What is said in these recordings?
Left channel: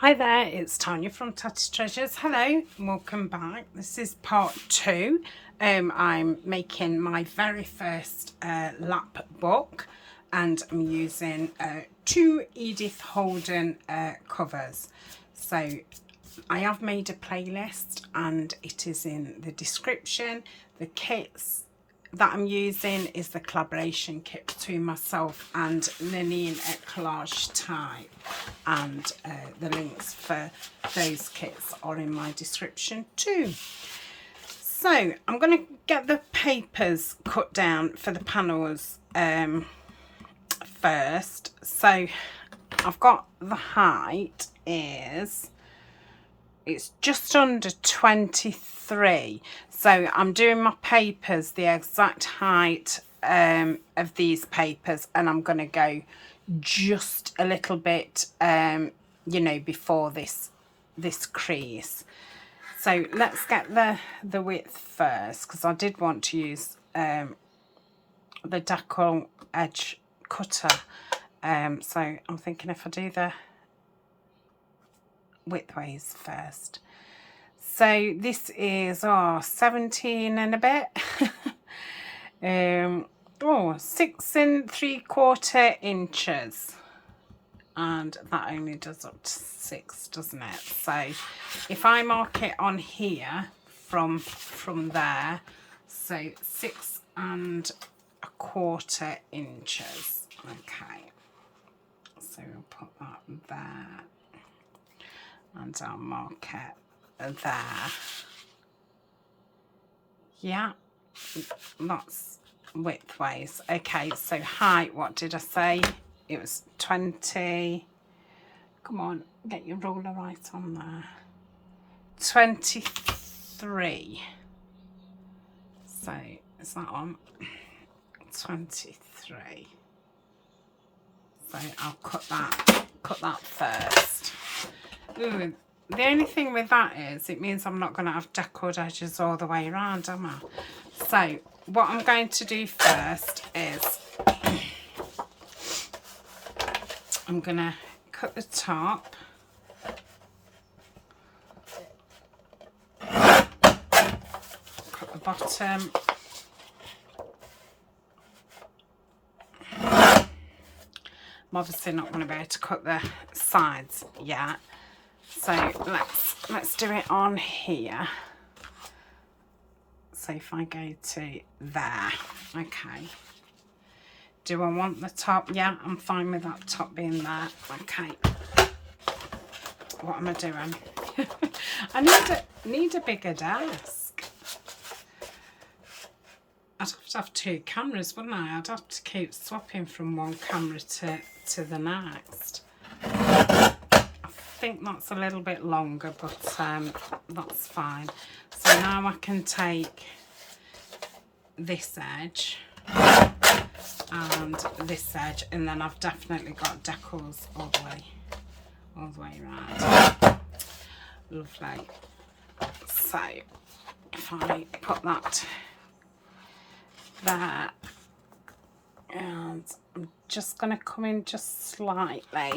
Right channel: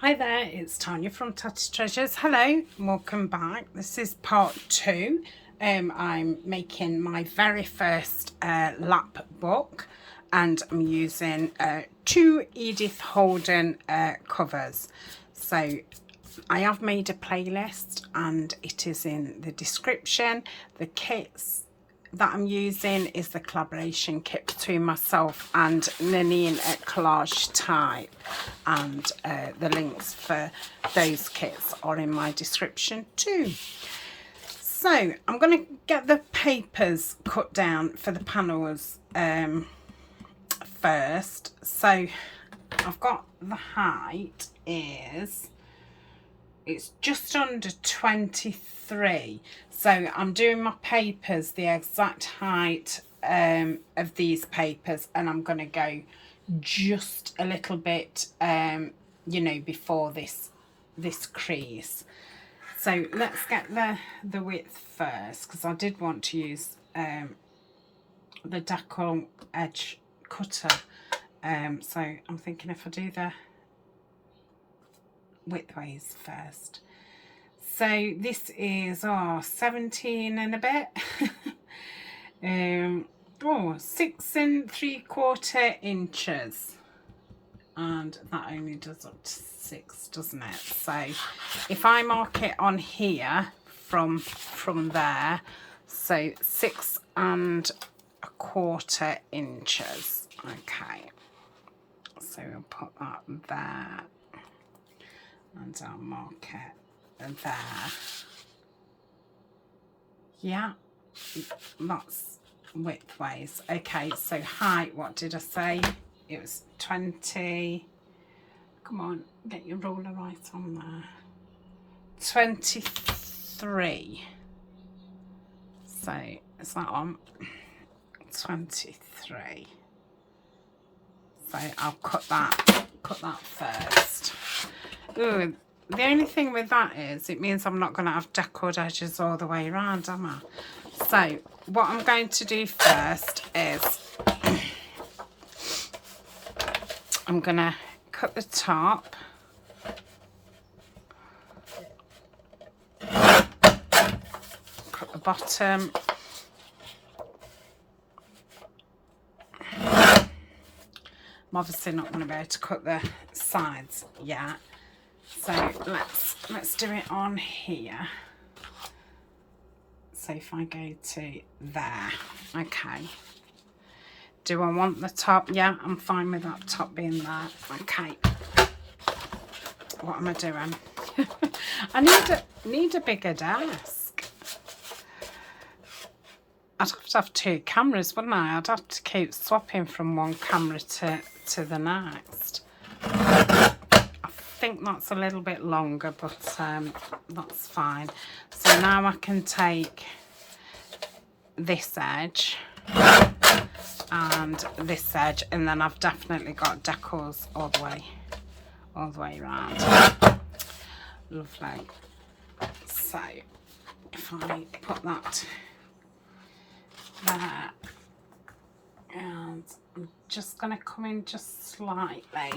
Hi there, it's Tanya from Tatty Treasures. Hello, and welcome back. This is part 2. I'm making my very first lap book, and I'm using 2 Edith Holden covers. So I have made a playlist and it is in the description. The kits that I'm using is the collaboration kit between myself and Nanine at Collage Type, and the links for those kits are in my description too. So I'm going to get the papers cut down for the panels first. So I've got the height it's just under 23, so I'm doing my papers the exact height of these papers, and I'm going to go just a little bit you know, before this crease. So let's get the width first, because I did want to use the decal edge cutter, so I'm thinking if I do the widthways first. So this is 17 and a bit. 6 3/4 inches, and that only does up to 6, doesn't it? So if I mark it on here from there, so 6 1/4 inches. Okay, so we'll put that there, and I'll mark it there. Yeah, that's widthways. Okay, so height, what did I say? It was 20. Come on, get your ruler right on there. 23. So is that on? 23. So I'll cut that first. Ooh, the only thing with that is it means I'm not going to have deckled edges all the way around, am I? So what I'm going to do first is I'm going to cut the top, cut the bottom, I'm obviously not going to be able to cut the sides yet. So let's do it on here. So if I go to there, okay. Do I want the top? Yeah, I'm fine with that top being there. Okay. What am I doing? I need a bigger desk. I'd have to have 2 cameras, wouldn't I? I'd have to keep swapping from one camera to the next. I think that's a little bit longer, but that's fine. So now I can take this edge and this edge, and then I've definitely got decals all the way around. Lovely. So if I put that there, and I'm just going to come in just slightly.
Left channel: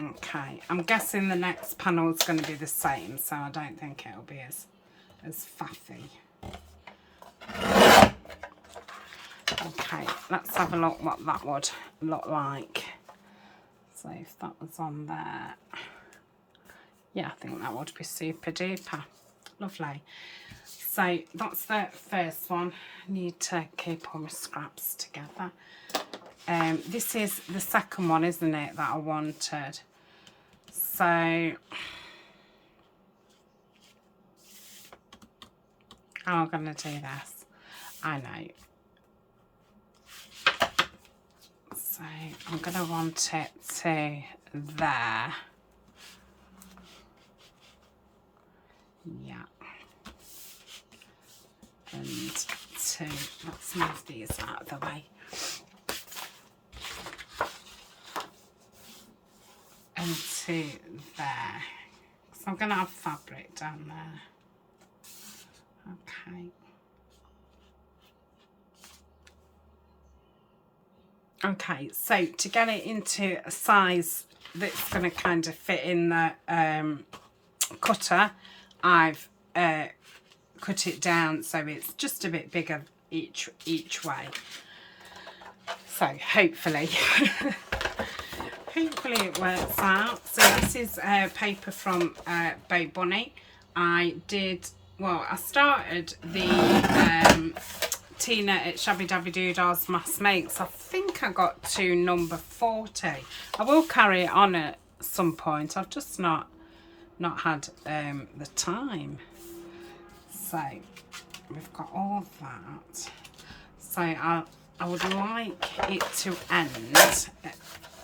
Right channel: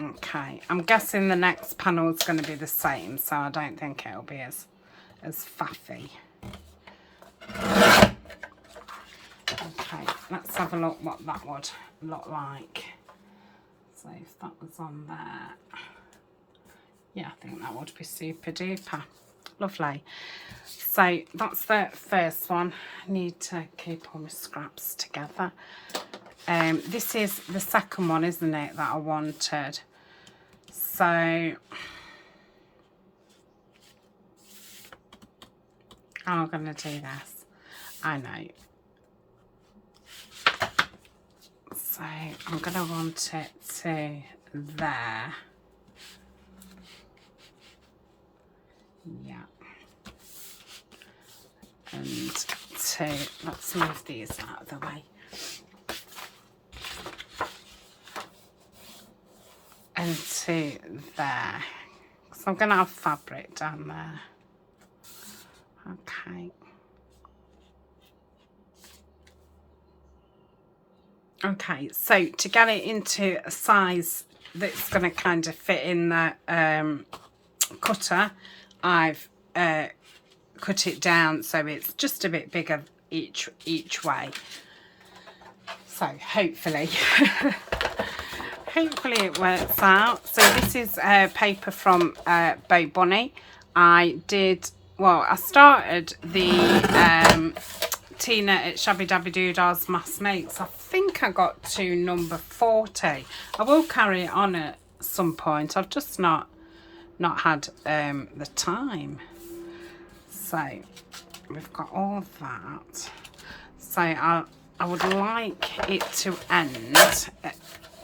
Okay, I'm guessing the next panel is going to be the same, so I don't think it'll be as faffy. Okay, let's have a look what that would look like. So if that was on there, yeah, I think that would be super duper. Lovely. So that's the first one. I need to keep all my scraps together. This is the second one, isn't it, that I wanted? So I'm going to do this. I know. So I'm going to want it to there. Yeah. And to, let's move these out of the way. And to there. So I'm going to have fabric down there. Okay. Okay, so to get it into a size that's going to kind of fit in the cutter, I've cut it down so it's just a bit bigger each way. So hopefully hopefully it works out. So this is paper from Bo Bunny. I started the Tina at Shabby Dabby Doodah's Mass Makes. I think I got to number 40. I will carry it on at some point. I've just not had the time. So we've got all that. So I would like it to end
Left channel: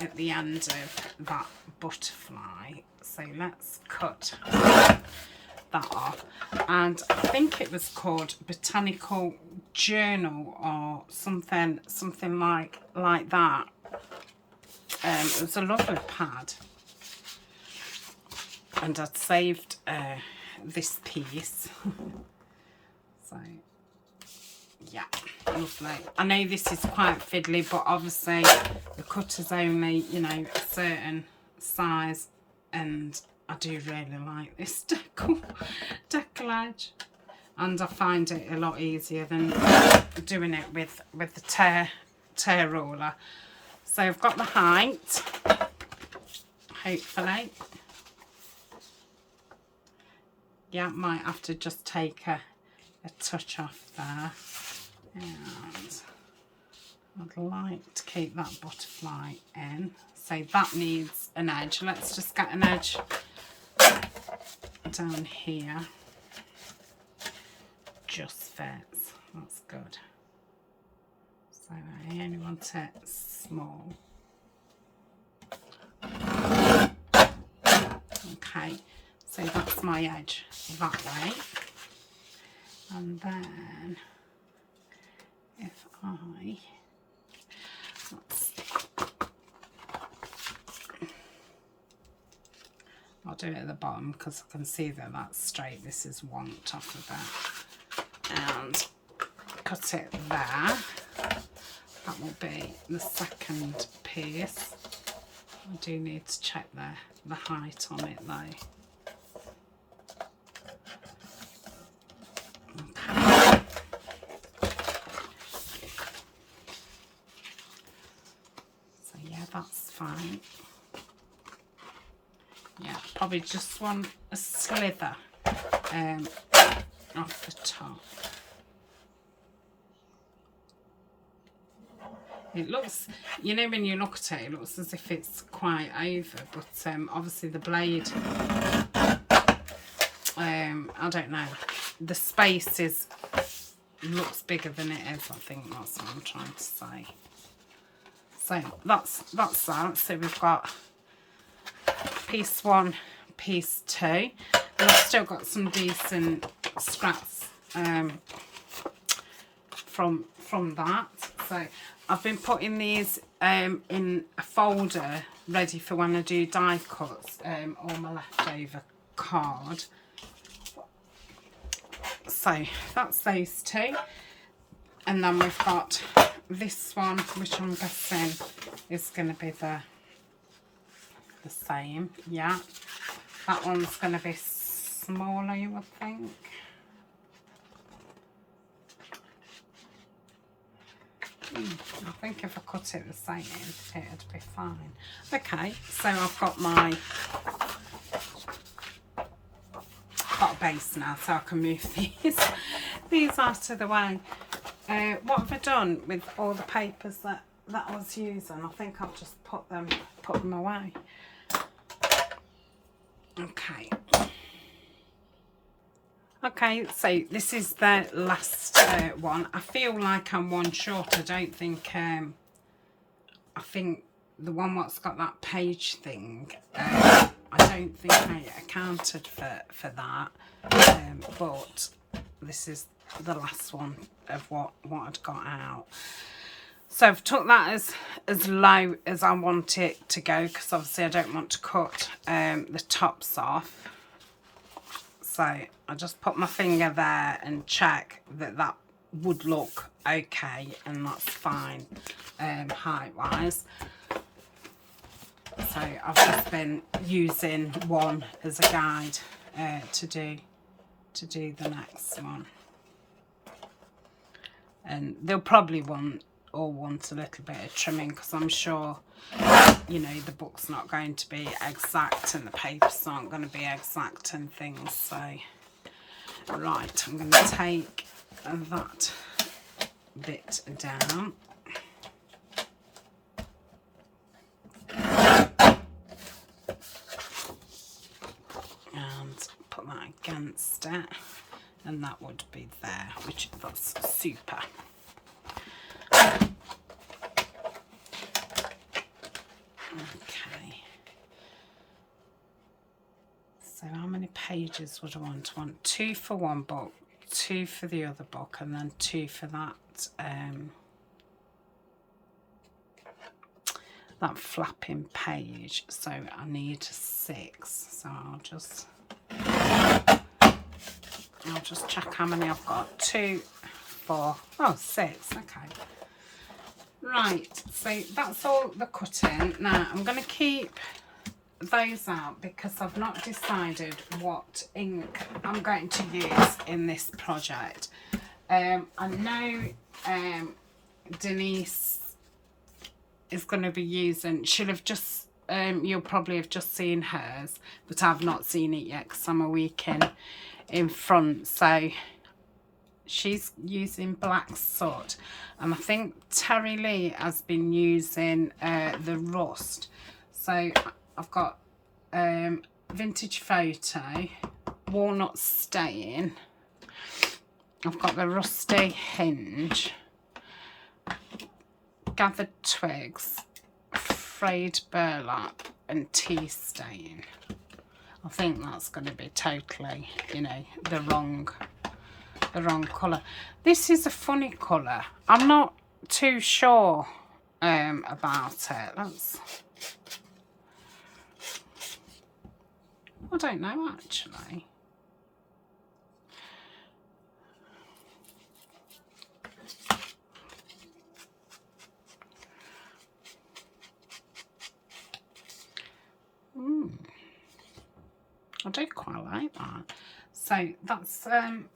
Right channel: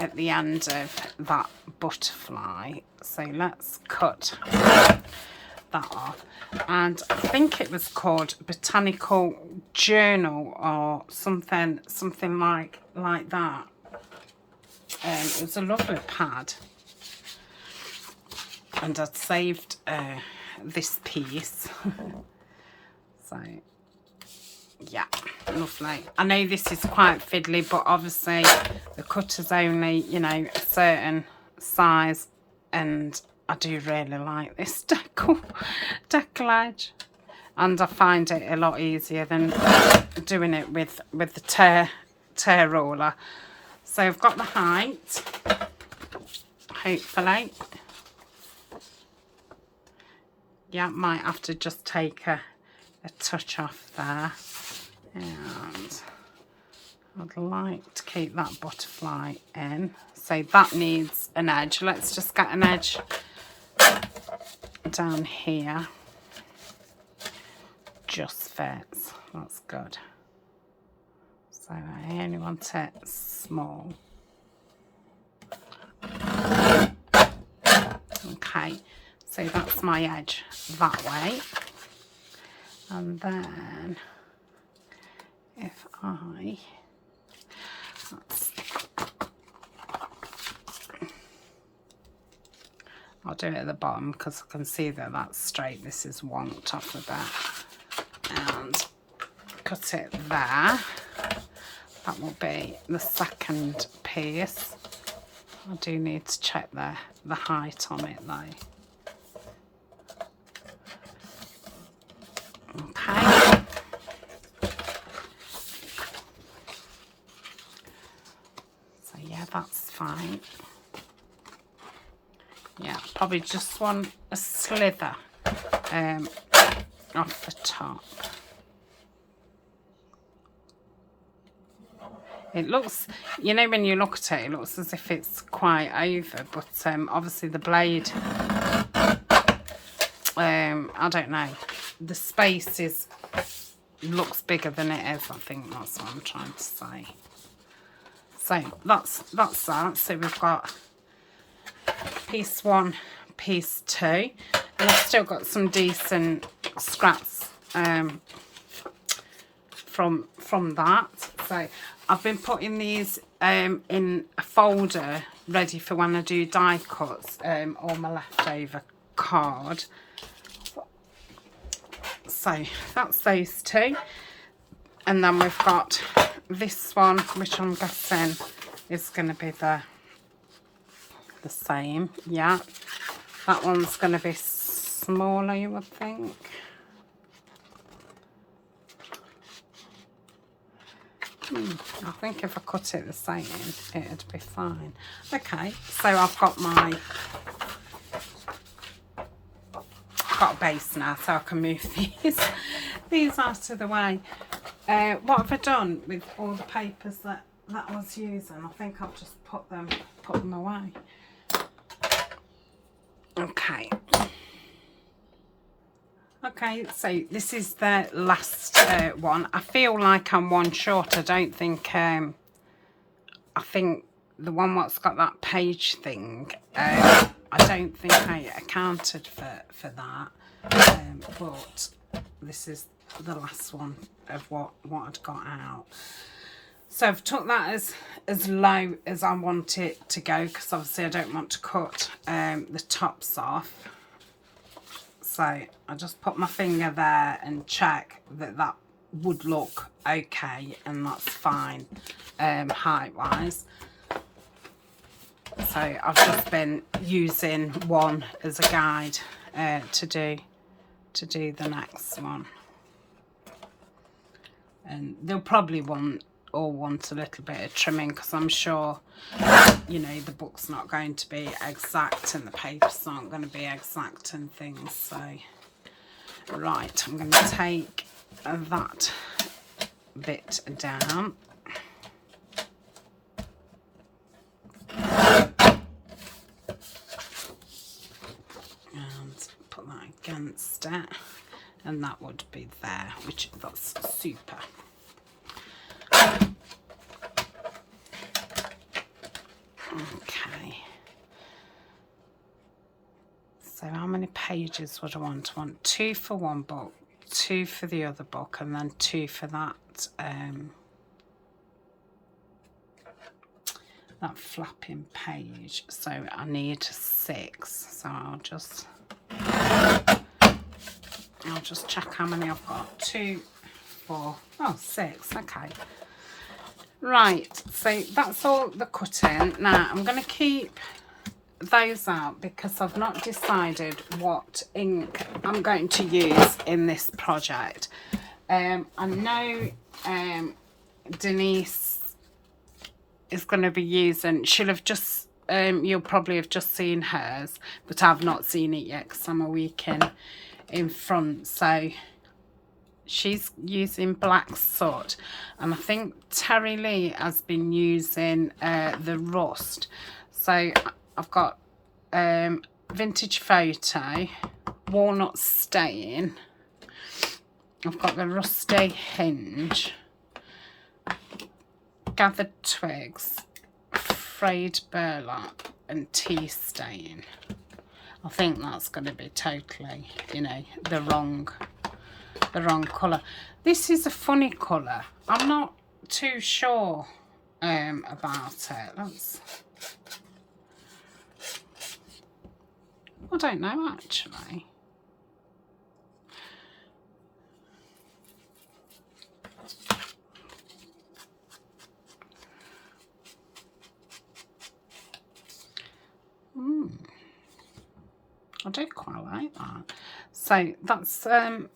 at the end of that butterfly. So let's cut that off. And I think it was called Botanical Journal or something like that. It was a lovely pad. And I'd saved this piece. So yeah, lovely. I know this is quite fiddly, but obviously the cutter's only, you know, a certain size, and I do really like this decollage, and I find it a lot easier than doing it with the tear roller. So I've got the height, hopefully. Yeah, might have to just take a touch off there. And I'd like to keep that butterfly in. So that needs an edge. Let's just get an edge down here. Just fits. That's good. So I only want it small. Okay, so that's my edge that way. And then if I'll do it at the bottom because I can see that that's straight. This is wonked off of that. And cut it there. That will be the second piece. I do need to check the height on it though. Okay. So yeah, that's fine. Yeah, probably just want a slither off the top. It looks, you know, when you look at it, it looks as if it's quite over, but obviously the blade, I don't know, the space looks bigger than it is. I think that's what I'm trying to say. So that's that. So we've got piece 1, piece 2, and I've still got some decent scraps from that. So I've been putting these in a folder ready for when I do die cuts, or my leftover card. So that's those two, and then we've got this one, which I'm guessing is going to be the same. Yeah, that one's going to be smaller, you would think. I think if I cut it the same, it'd be fine. Okay, so I've got a base now, so I can move these out of the way. What have I done with all the papers that I was using? I think I've just put them away. Okay. Okay, so this is the last one. I feel like I'm one short. I don't think, I think the one that's got that page thing, I don't think I accounted for that, but this is the last one of what I'd got out. So I've took that as low as I want it to go, because obviously I don't want to cut the tops off. So I just put my finger there and check that would look okay, and that's fine. height wise. So I've just been using one as a guide to do the next one. And they'll probably want a little bit of trimming, because I'm sure, you know, the book's not going to be exact and the papers aren't going to be exact and things. So right, I'm going to take that bit down. And put that against it, and that would be there, which that's super. Okay. So how many pages would I want? I want 2 for one book, 2 for the other book, and then 2 for that that flapping page. So I need 6. So I'll just check how many I've got. 2, 4, oh, 6. Okay. Right, so that's all the cutting. Now I'm going to keep those out because I've not decided what ink I'm going to use in this project. I know Denise is going to be using, she'll have just, you'll probably have just seen hers, but I've not seen it yet because I'm a week in front. So she's using Black Soot, and I think Terry Lee has been using the Rust. So I've got Vintage Photo, Walnut Stain, I've got the Rusty Hinge, Gathered Twigs, Frayed Burlap, and Tea Stain. I think that's going to be totally, you know, the wrong colour. This is a funny colour. I'm not too sure about it. I don't know actually. I do quite like that. So that's the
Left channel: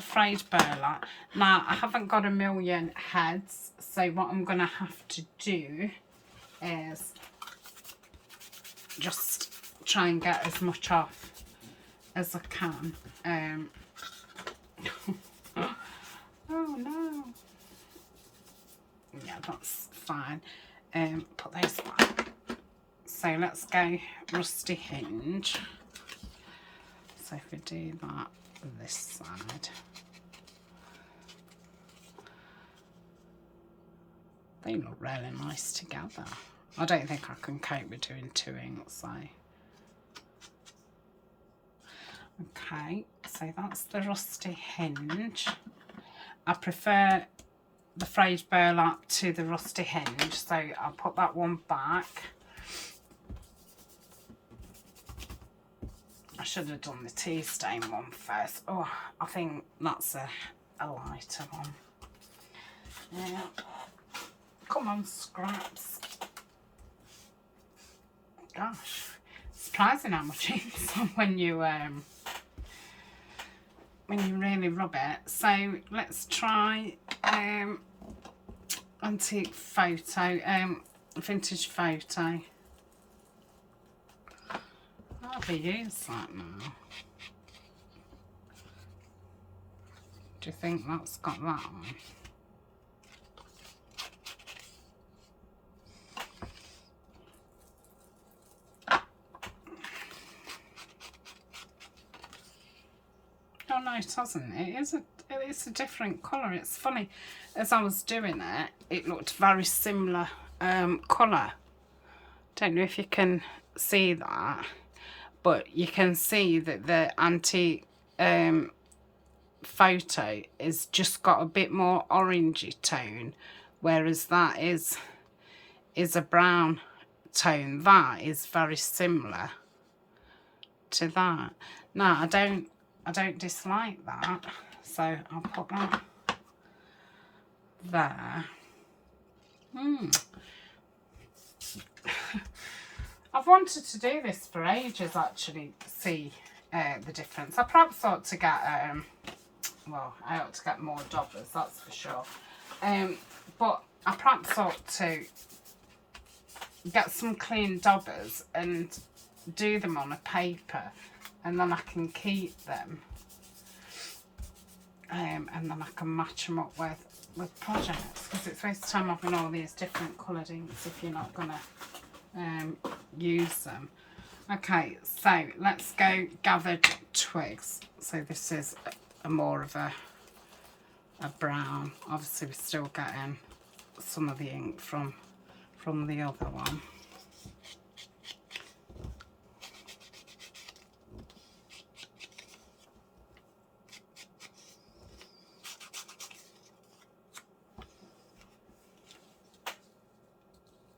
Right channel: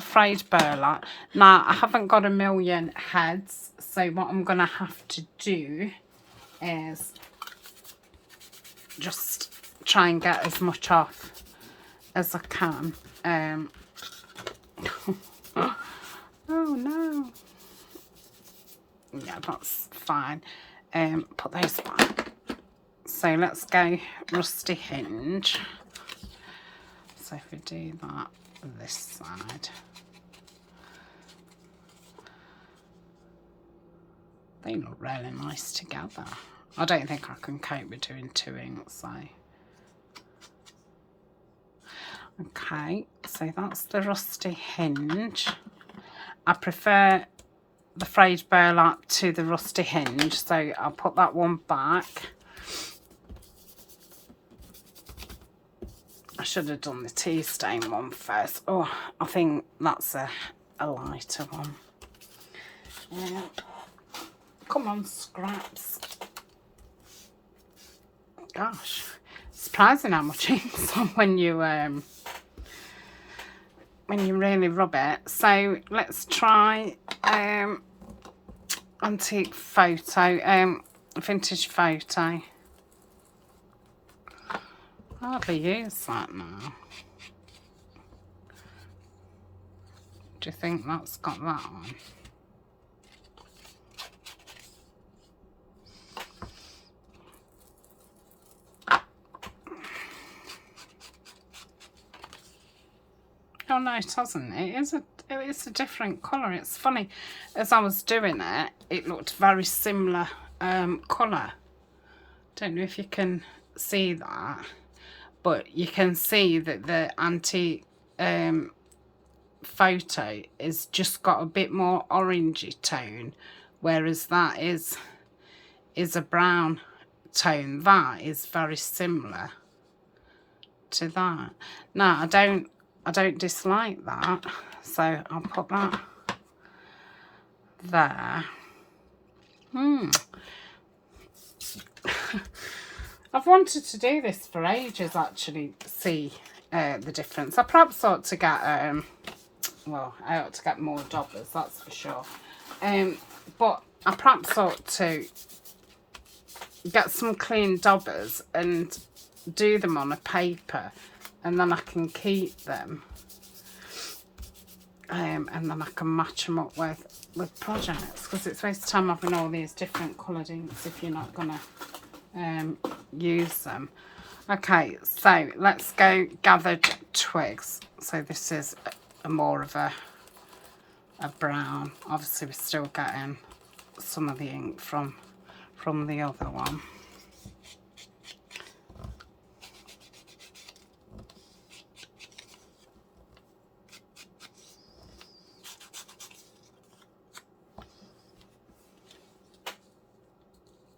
Frayed Burlap. Now I haven't got a million heads, so what I'm gonna have to do is just try and get as much off as I can. Oh no. Yeah, that's fine. Put those back. So let's go Rusty Hinge. So if we do that this side, they look really nice together. I don't think I can cope with doing 2 inks, so. Okay, so that's the Rusty Hinge. I prefer the Frayed Burlap to the Rusty Hinge, so I'll put that one back. I should have done the tea stain one first. Oh, I think that's a lighter one. Yeah. Come on, scraps. Gosh, surprising how much ink's on when you really rub it. So let's try Antique Photo, Vintage Photo. I hardly use that now. Do you think that's got that on? Oh no, it hasn't. It's a different colour. It's funny. As I was doing it, it looked very similar colour. Don't know if you can see that, but you can see that the Antique Photo is just got a bit more orangey tone, whereas that is a brown tone. That is very similar to that. Now I don't dislike that, so I'll put that there. I've wanted to do this for ages, actually, see the difference. I perhaps ought to get, well, I ought to get more dobbers, that's for sure. But I perhaps ought to get some clean dobbers and do them on a paper, and then I can keep them. And then I can match them up with projects, because it's waste of time having all these different coloured inks if you're not going to use them. Okay, so let's go gathered twigs. So this is a more of a brown. Obviously we're still getting some of the ink from the other one.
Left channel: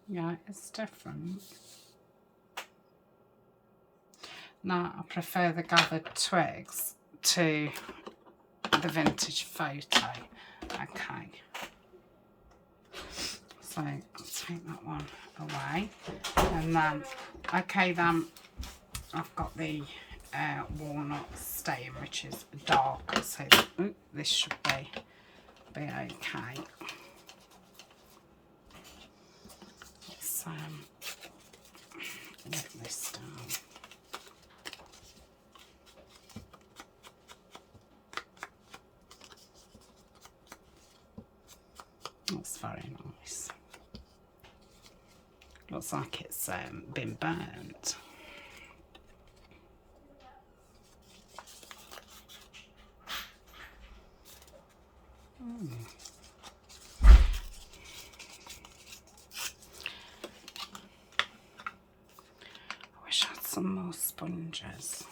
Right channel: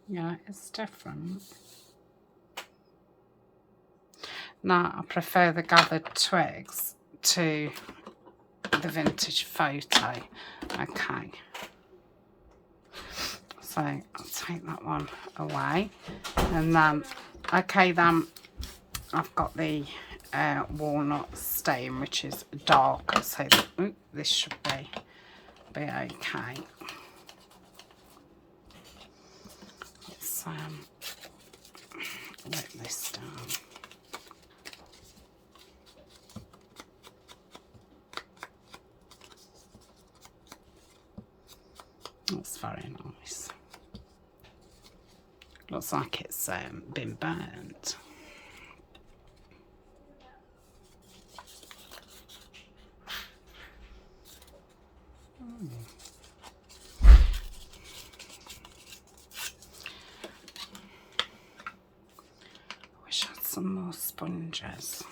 Yeah, it's different. Now, I prefer the gathered twigs to the vintage photo. Okay. So, I'll take that one away. And then, okay, then I've got the walnut stain, which is darker. So, this should be okay. Let this down. That's very nice. Looks like it's been burnt. Some more sponges.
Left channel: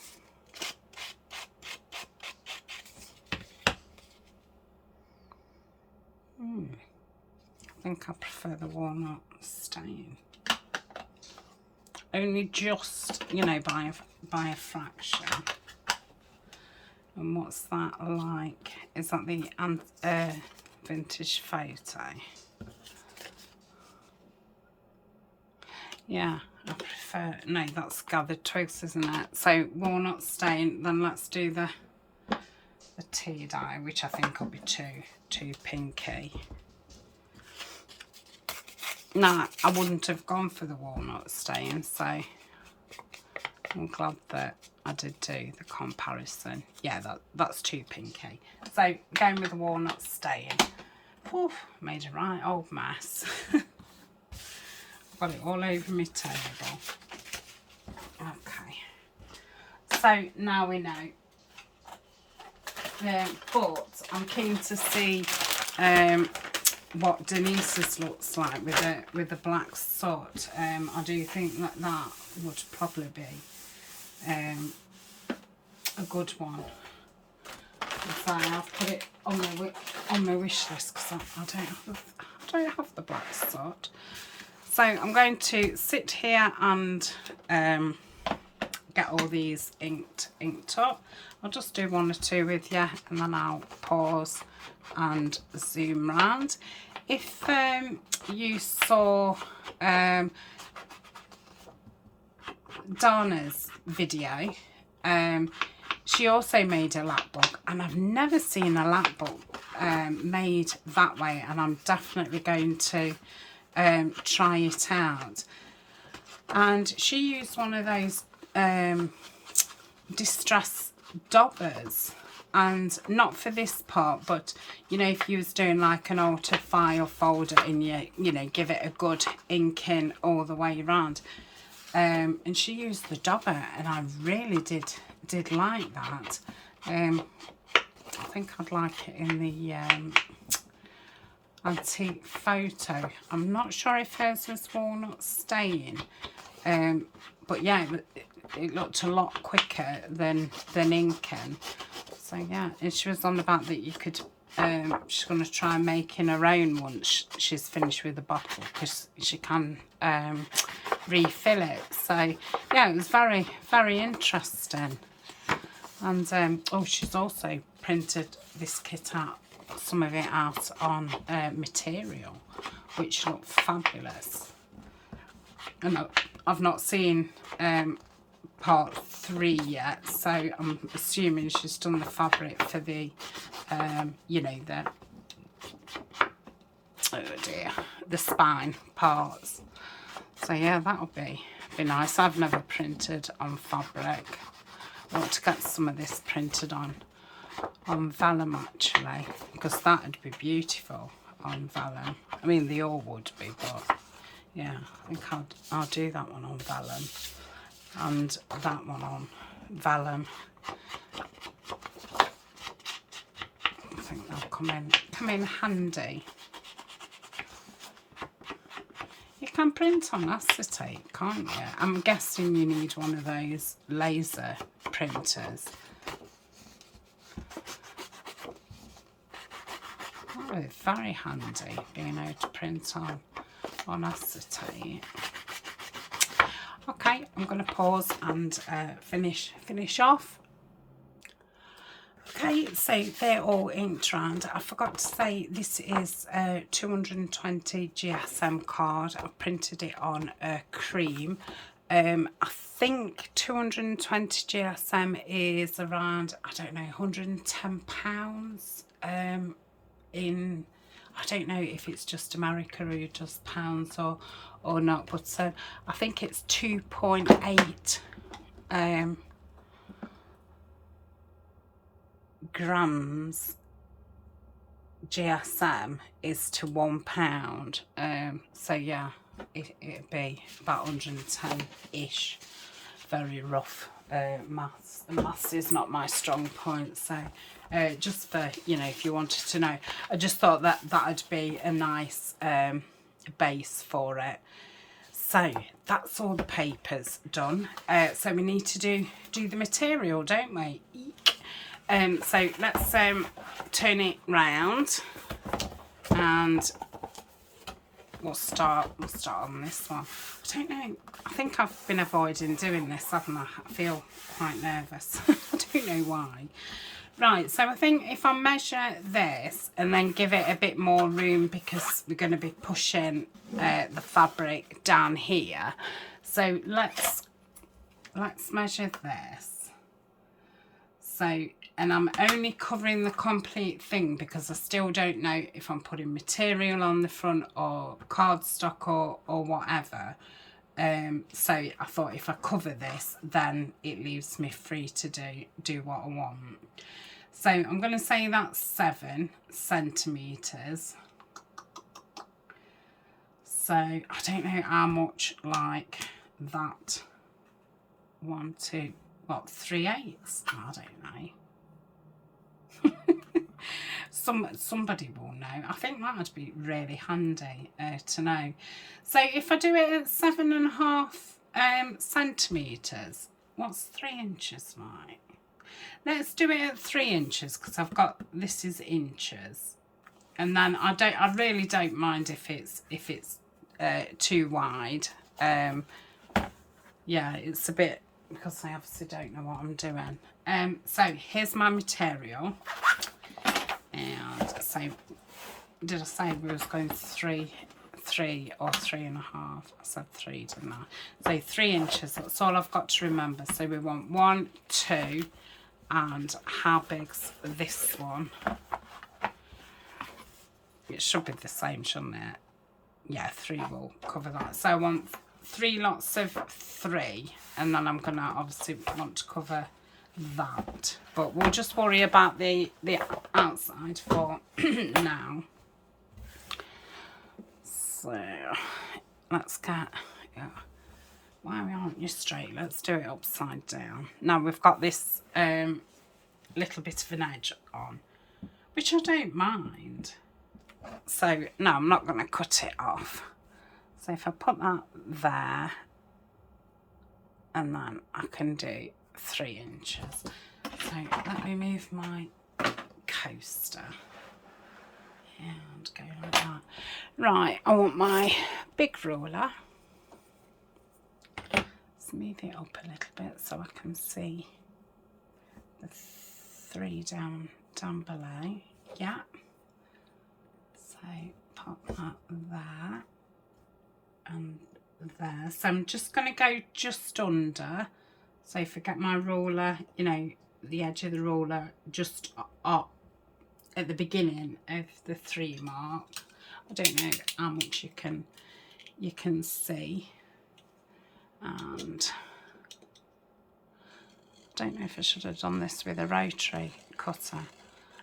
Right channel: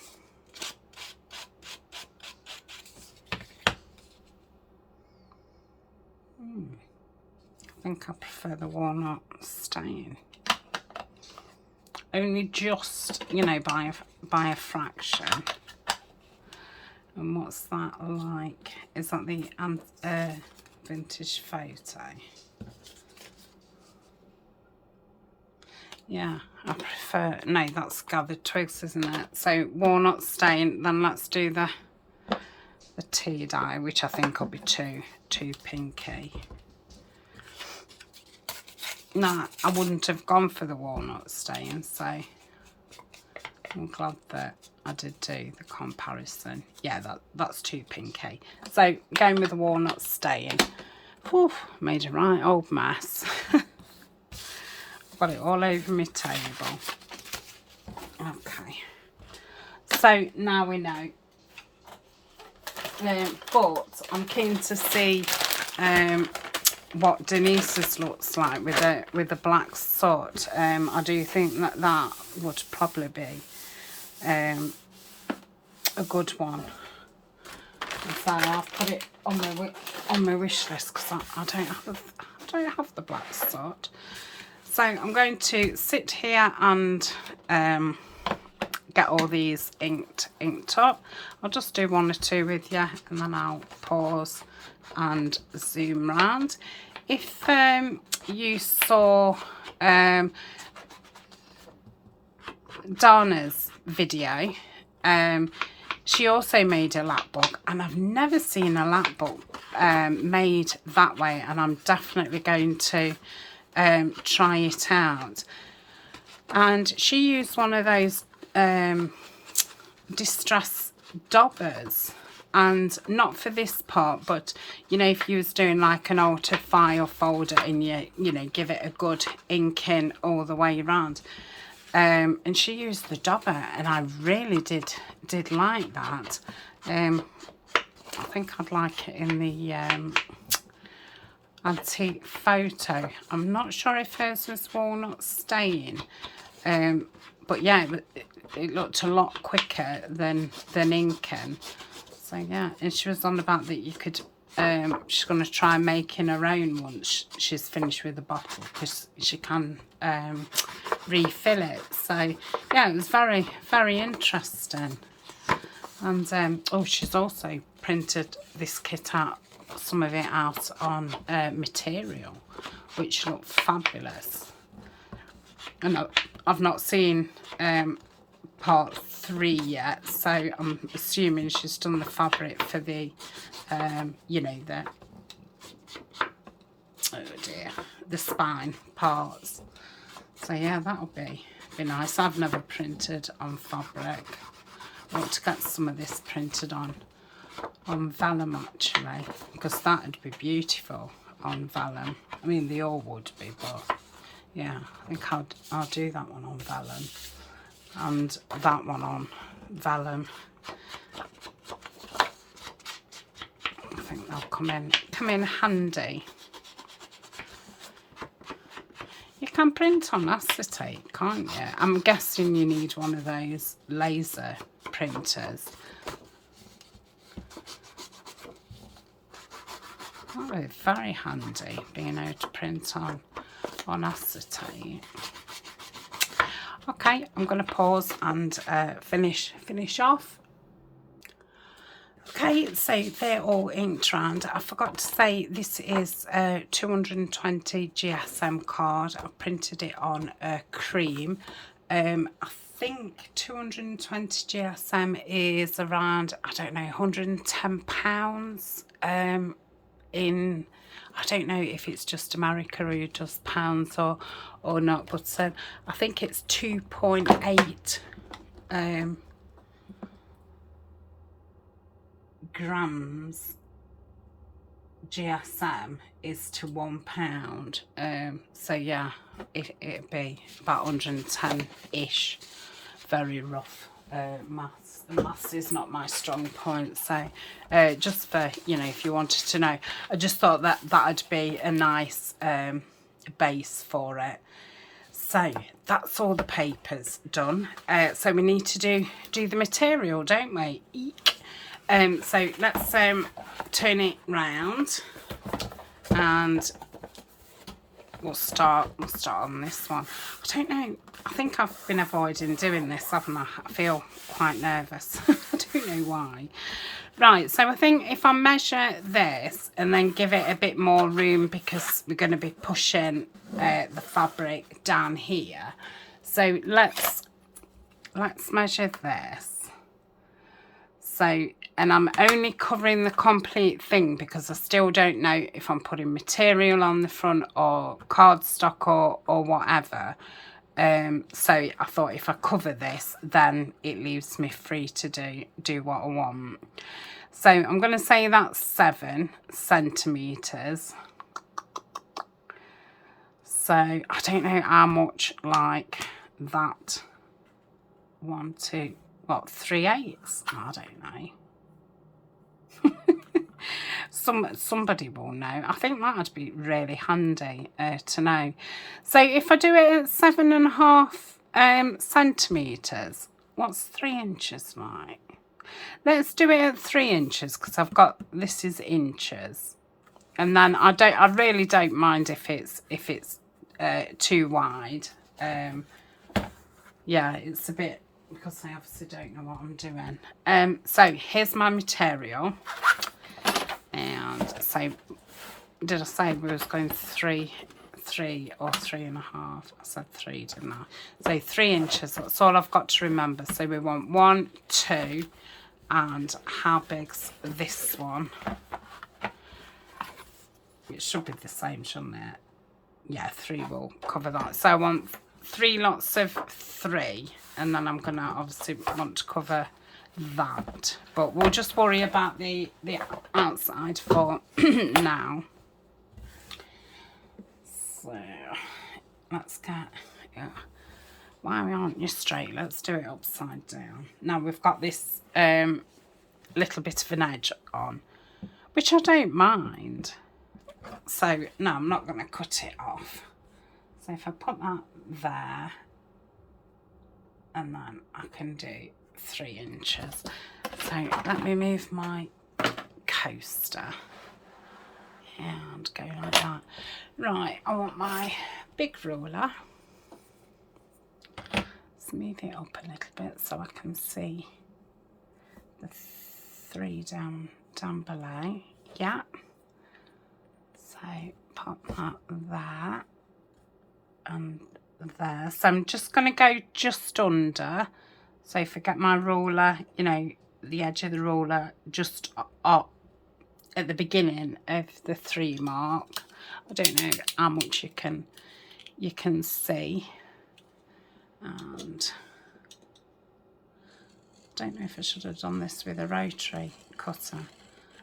I think I prefer the walnut stain. Only just, you know, by a fraction. And what's that like? Is that the vintage photo? Yeah, I prefer, no, that's gathered twigs, isn't it? So walnut stain, then let's do the tea dye, which I think will be too pinky. No, I wouldn't have gone for the walnut stain, so I'm glad that I did do the comparison. Yeah, that's too pinky. So going with the walnut stain. Whew, made a right old mess. Got it all over my table. Okay. So now we know. But I'm keen to see what Denise's looks like with the black soot. I do think that would probably be a good one. So I've put it on my wish list because I don't have the black soot. So I'm going to sit here and get all these inked up. I'll just do one or two with you, and then I'll pause and zoom round. If you saw Dana's video, she also made a lapbook, and I've never seen a lapbook made that way, and I'm definitely going to try it out. And she used one of those distress dobbers, and not for this part, but you know, if you was doing like an alter file folder and you know, give it a good inking all the way around, and she used the dobber, and I really did like that. I think I'd like it in the antique photo. I'm not sure if hers was walnut stain, but yeah, it looked a lot quicker than inking. So yeah, and she was on about that you could, she's going to try making her own once she's finished with the bottle, because she can refill it. So yeah, it was very, very interesting. And oh, she's also printed this kit out, some of it out on material, which look fabulous. And I've not seen part 3 yet, so I'm assuming she's done the fabric for the you know, the, oh dear, the spine parts. So yeah, that'll be nice. I've never printed on fabric. I want to get some of this printed on vellum actually, because that'd be beautiful on vellum. I mean, they all would be, but yeah, I think I'll do that one on vellum and that one on vellum. I think they'll come in handy. You can print on acetate, can't you? I'm guessing you need one of those laser printers. That would be very handy, being able to print on acetate. Okay, I'm going to pause and finish off. Okay, so they're all inked round. I forgot to say this is a 220 GSM card. I printed it on cream. I think 220 GSM is around, I don't know, £110 in, I don't know if it's just America who does pounds or not, but I think it's 2.8 grams GSM is to £1. So yeah, it'd be about 110-ish. Very rough maths. Maths is not my strong point, so just for, you know, if you wanted to know, I just thought that that'd be a nice base for it. So that's all the papers done. So we need to do the material, don't we? Eek. So let's turn it round, and we'll start on this one. I don't know, I think I've been avoiding doing this, haven't I? I feel quite nervous. I don't know why. Right, so I think if I measure this and then give it a bit more room, because we're going to be pushing the fabric down here. So let's measure this. So, and I'm only covering the complete thing because I still don't know if I'm putting material on the front or cardstock or whatever. So I thought if I cover this, then it leaves me free to do what I want. So I'm going to say that's 7 centimetres. So I don't know how much like that. 1, 2, what, 3/8? I don't know. Somebody will know. I think that would be really handy to know. So if I do it at 7.5 centimetres, what's 3 inches like? Let's do it at 3 inches, because I've got, this is inches, and then I really don't mind if it's too wide. Yeah, it's a bit, because I obviously don't know what I'm doing. So here's my material. And so, did I say we was going 3 or 3.5? I said 3, didn't I? So 3 inches, that's all I've got to remember. So we want 1, 2, and how big's this one? It should be the same, shouldn't it? Yeah, 3 will cover that. So I want 3 lots of 3, and then I'm gonna obviously want to cover that, but we'll just worry about the outside for now. So let's get, yeah, why aren't you straight? Let's do it upside down. Now we've got this little bit of an edge on, which I don't mind. So no, I'm not going to cut it off. So if I put that there, and then I can do 3 inches. So let me move my coaster and go like that. Right, I want my big ruler. Let's move it up a little bit so I can see the 3 down below. Yeah. So pop that there and there. So I'm just going to go just under. So if I get my ruler, you know, the edge of the ruler just up at the beginning of the 3 mark. I don't know how much you can see, and I don't know if I should have done this with a rotary cutter.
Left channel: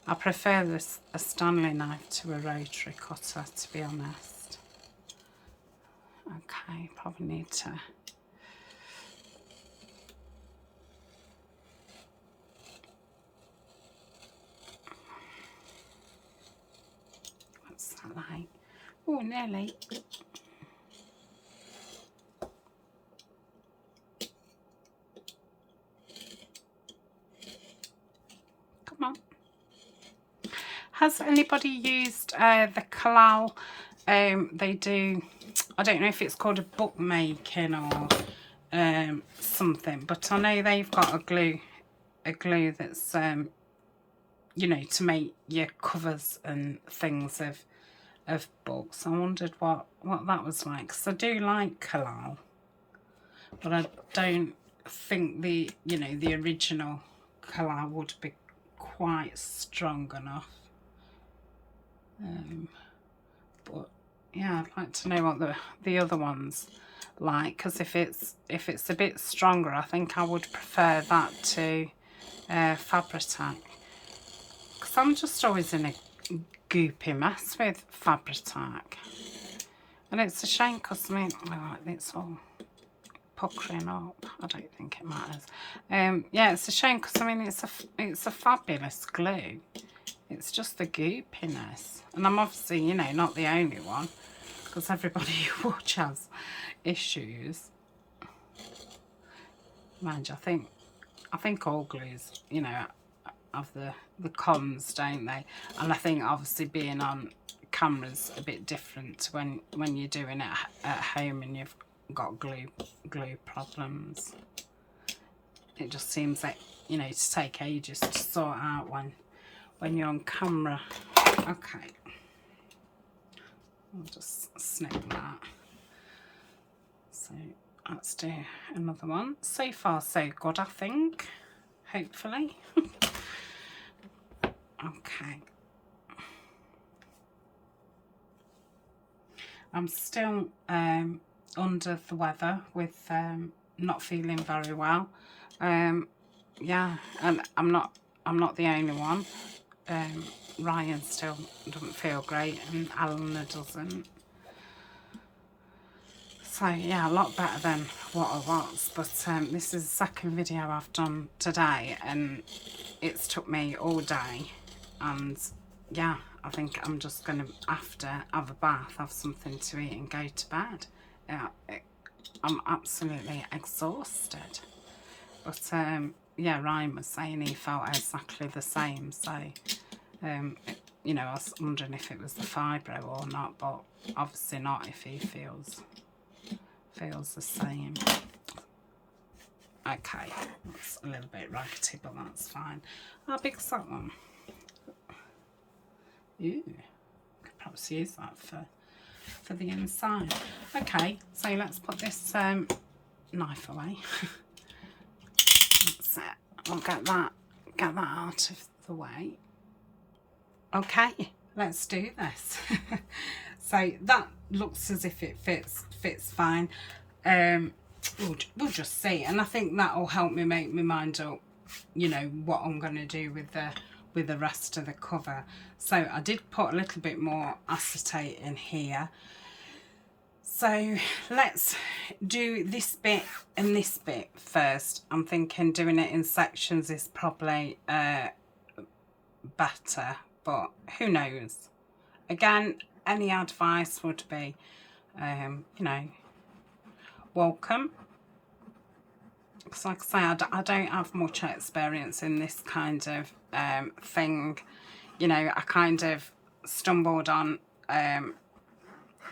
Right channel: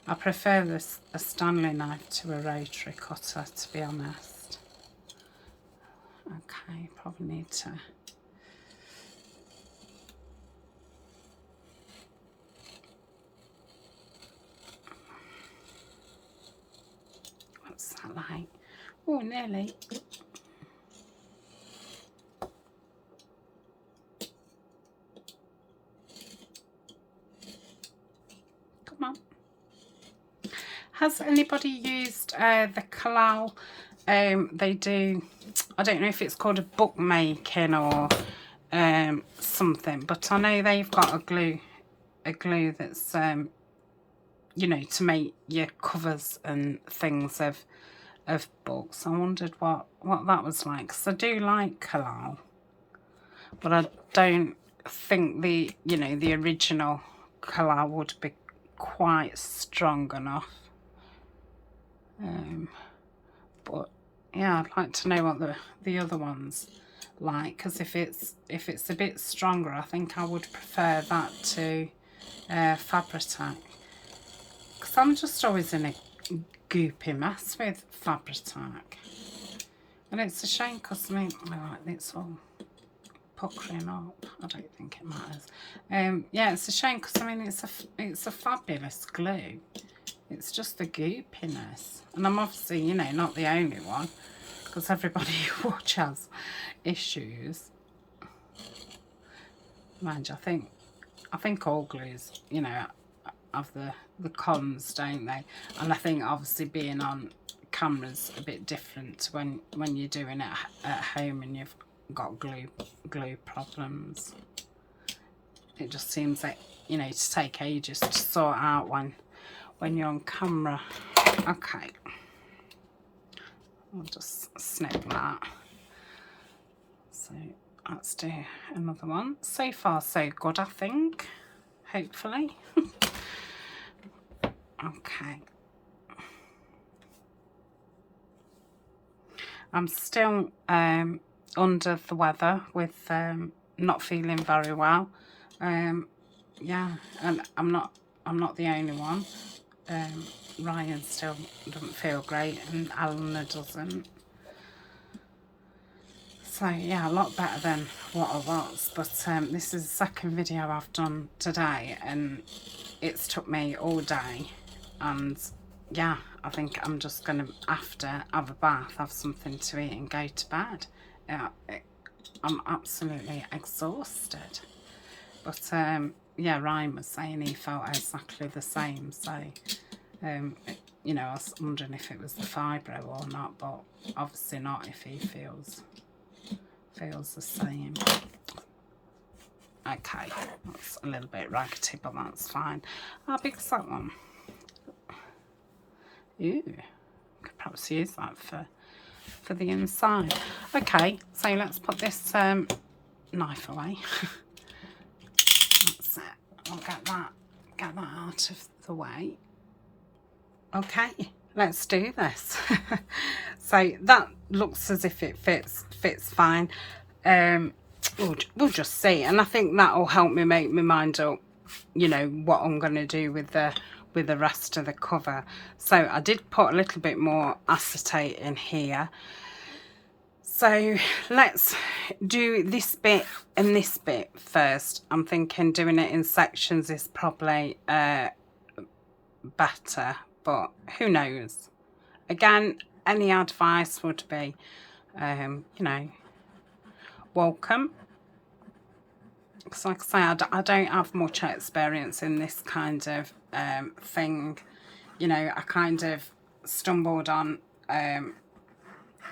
I prefer a Stanley knife to a rotary cutter, to be honest. Okay, probably need to what's that like? Oh, nearly. Come on. Has anybody used the Kalal? They do, I don't know if it's called a bookmaking or something, but I know they've got a glue that's you know, to make your covers and things of books. I wondered what that was like, because I do like Kalal, but I don't think the, you know, the original Kalal would be quite strong enough. But yeah, I'd like to know what the other ones like, because if it's a bit stronger, I think I would prefer that to Fabri-Tac, because I'm just always in a goopy mess with Fabri-Tac, and it's a shame because I mean, well, it's all puckering up. I don't think it matters. Yeah, it's a shame because I mean it's a fabulous glue. It's just the goopiness, and I'm obviously, you know, not the only one, because everybody who watch has issues. Mind you, I think all glues, you know, have the cons, don't they? And I think obviously being on camera's a bit different when you're doing it at home and you've got glue problems. It just seems like, you know, to take ages to sort out when you're on camera. Okay, I'll just snip that. So let's do another one. So far so good, I think, hopefully. Okay, I'm still under the weather with not feeling very well. Yeah, and I'm not the only one. Ryan still doesn't feel great, and Alana doesn't. So yeah, a lot better than what I was. But this is the second video I've done today, and it's took me all day. And yeah, I think I'm just gonna, after, have a bath, have something to eat, and go to bed. I'm absolutely exhausted. But yeah, Ryan was saying he felt exactly the same. So you know, I was wondering if it was the fibro or not, but obviously not if he feels the same. Okay, that's a little bit raggedy, but that's fine. How big's that one? Ooh, could perhaps use that for the inside. Okay, so let's put this knife away. That's it. We'll get that out of the way. Okay, let's do this. So that looks as if it fits fine. We'll just see, and I think that'll help me make my mind up, you know, what I'm going to do with the rest of the cover. So I did put a little bit more acetate in here. So let's do this bit and this bit first. I'm thinking doing it in sections is probably better, but who knows. Again, any advice would be, you know, welcome. Because like I say, I don't have much experience in this kind of thing. You know, I kind of stumbled on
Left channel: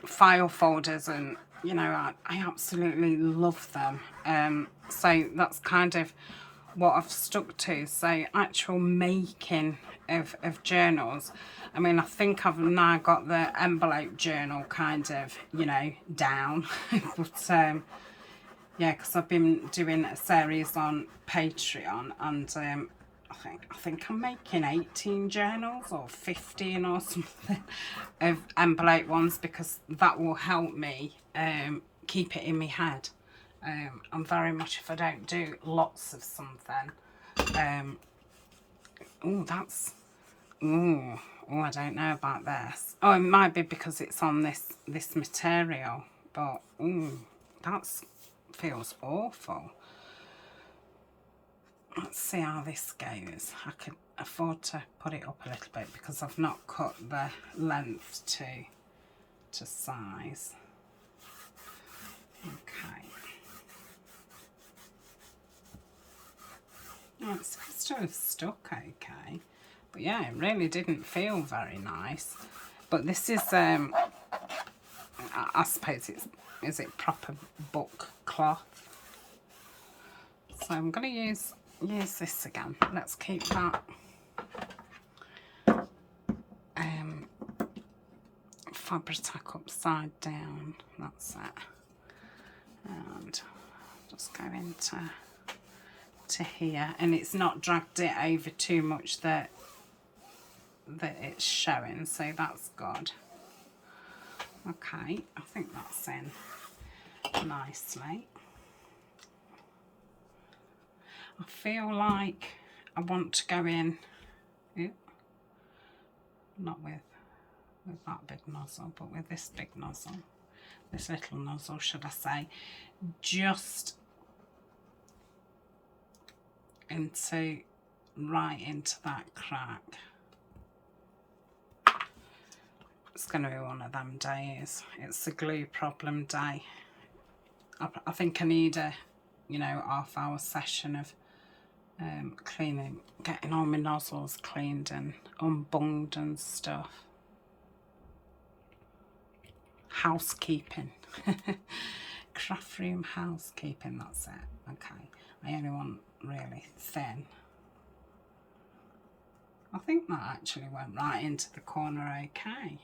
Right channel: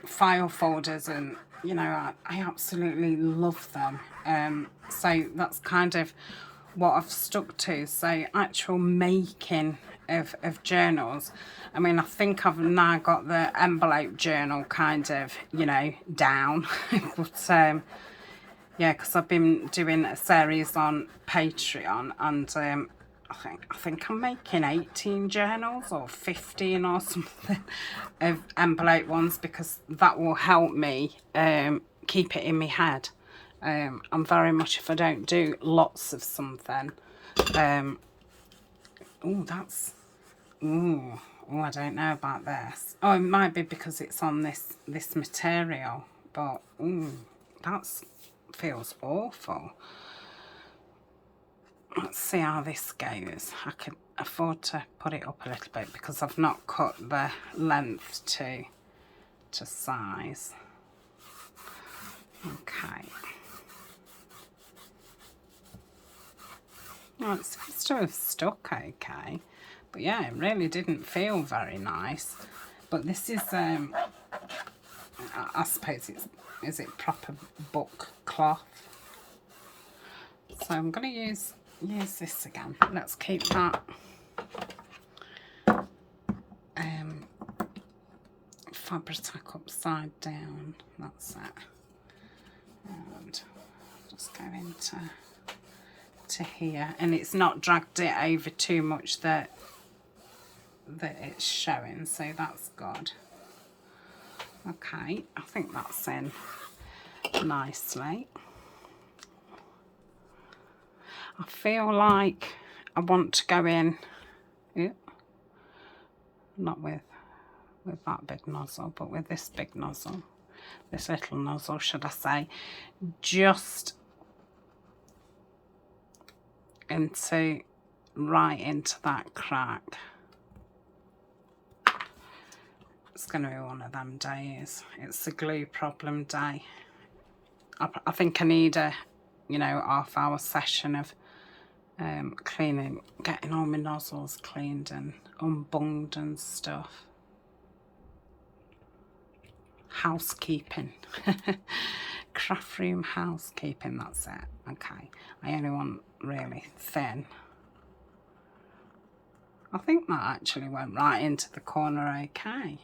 file folders, and you know, I absolutely love them. So that's kind of what I've stuck to. So actual making of journals. I mean, I think I've now got the envelope journal kind of, you know, down. But yeah, because I've been doing a series on Patreon, and I think I'm making 18 journals or 15 or something of envelope ones, because that will help me keep it in my head. I'm very much, if I don't do lots of something, oh, that's, oh, I don't know about this. Oh, it might be because it's on this material, but that's feels awful. Let's see how this goes. I could afford to put it up a little bit because I've not cut the length to size. Okay. Well, it seems to have stuck okay. But yeah, it really didn't feel very nice. But this is, I suppose is it proper book cloth? So I'm going to use this again. Let's keep that Fabri-Tac upside down. That's it. And just go into here, and it's not dragged it over too much that it's showing, so that's good. Okay, I think that's in nicely. I feel like I want to go in, yeah, not with that big nozzle, but with this big nozzle, this little nozzle, should I say, just right into that crack. It's going to be one of them days. It's a glue problem day. I think I need a, you know, half-hour session of cleaning, getting all my nozzles cleaned and unbunged and stuff. Housekeeping. Craft room housekeeping, that's it. Okay, I only want really thin. I think that actually went right into the corner okay.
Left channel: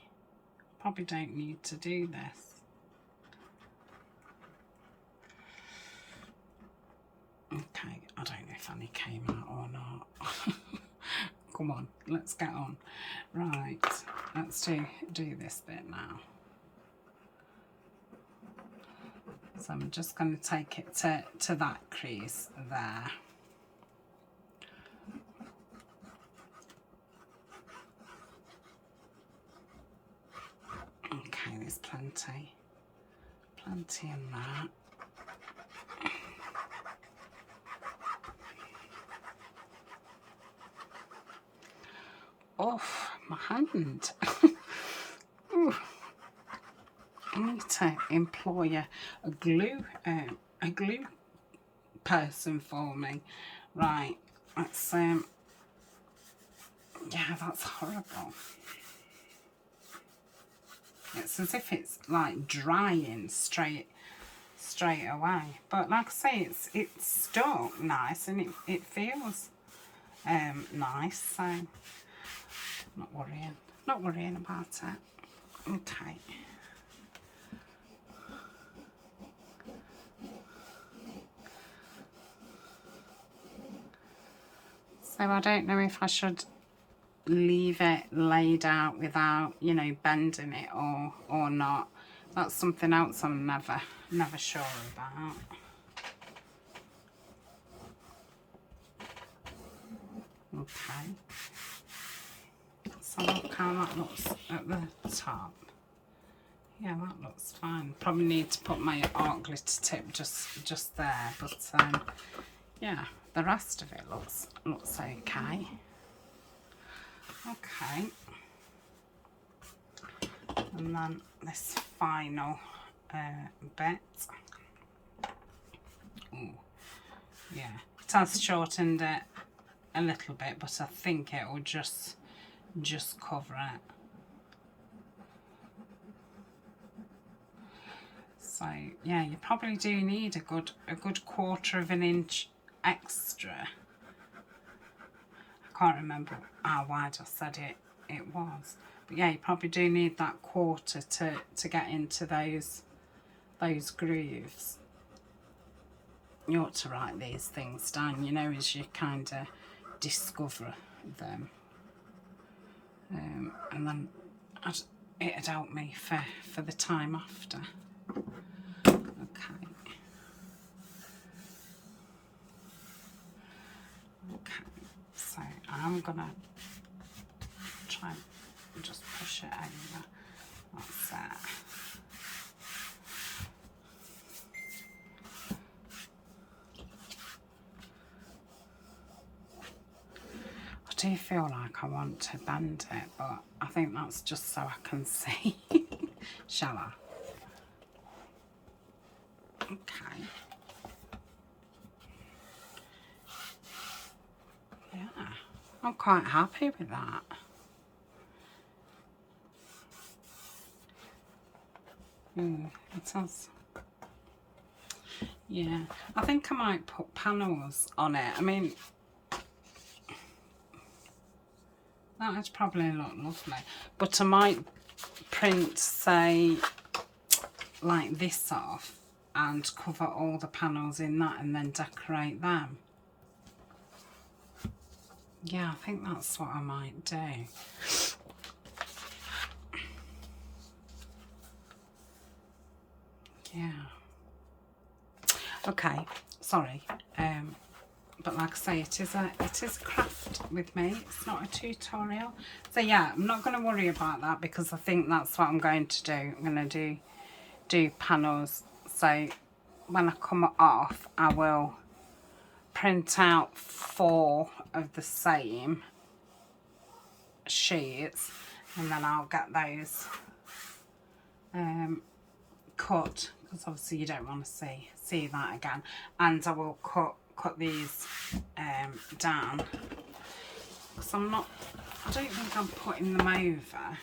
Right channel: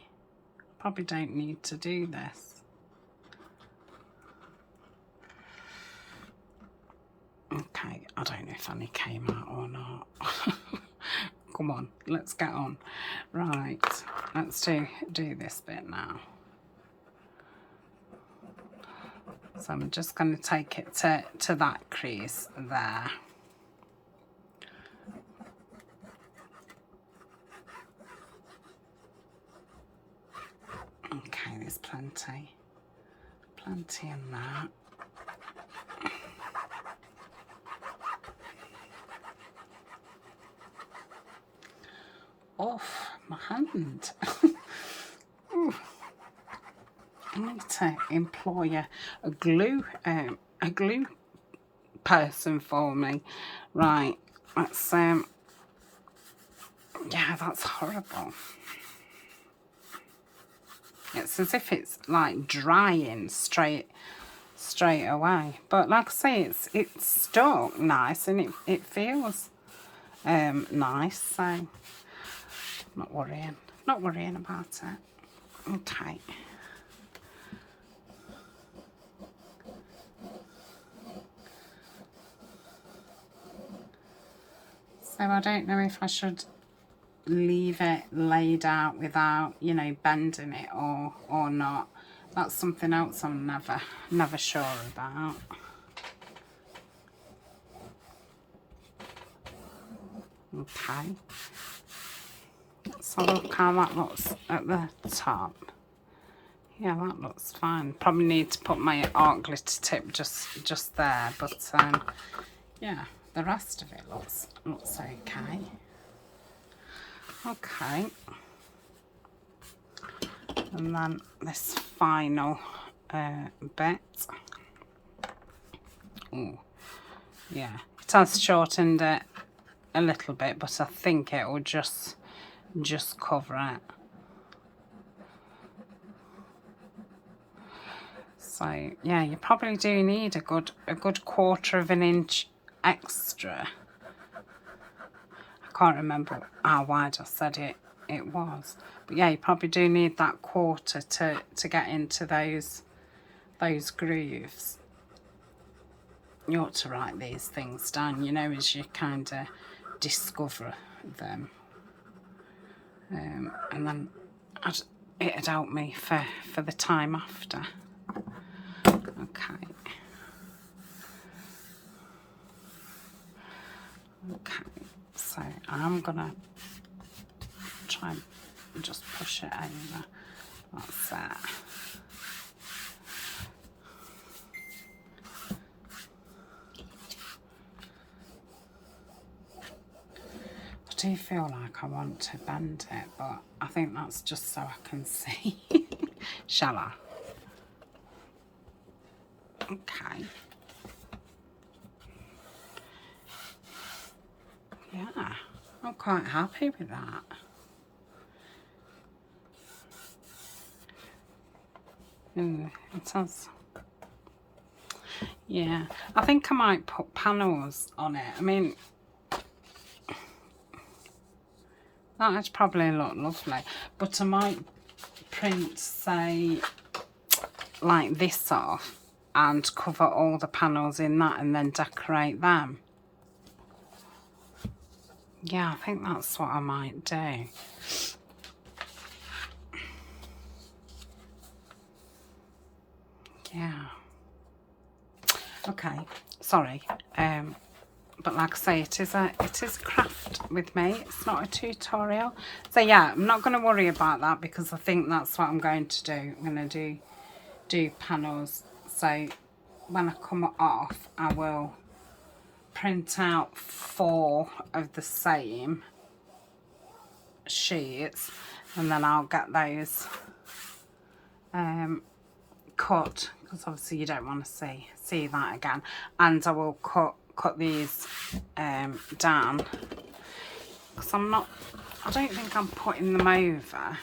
Probably don't need to do this. Okay, I don't know if any came out or not. Come on, let's get on. Right, let's do this bit now. So I'm just going to take it to that crease there. Okay, there's plenty in that. Oh, my hand. I need to employ a glue person for me. Right, that's yeah, that's horrible. It's as if it's like drying straight away. But like I say, it's stuck nice, and it feels nice, so not worrying about it. Okay. So I don't know if I should leave it laid out without, you know, bending it or not. That's something else I'm never sure about. Okay. So look how that looks at the top. Yeah, that looks fine. Probably need to put my art glitter tip just there, but yeah, the rest of it looks okay. Okay. And then this final bit. Oh, yeah, it has shortened it a little bit, but I think it will just cover it. So yeah, you probably do need a good 1/4 of an inch extra can't remember how wide I said it was. But yeah, you probably do need that 1/4 to get into those grooves. You ought to write these things down, you know, as you kind of discover them. And then it'd help me for the time after. Okay. Okay, so I'm gonna try and just push it over. That's it. I do feel like I want to bend it, but I think that's just so I can see. Shall I? Okay. Yeah, I'm quite happy with that. Ooh, it has. Yeah, I think I might put panels on it. I mean, that'd probably look lovely, but I might print, say, like this off and cover all the panels in that and then decorate them. Yeah, I think that's what I might do. Yeah. Okay, sorry. But like I say, it is a craft with me. It's not a tutorial. So yeah, I'm not going to worry about that because I think that's what I'm going to do. I'm going to do panels. So when I come off, I will print out 4 of the same sheets, and then I'll get those cut, because obviously you don't want to see that again. And I will cut these down, because I don't think I'm putting them over.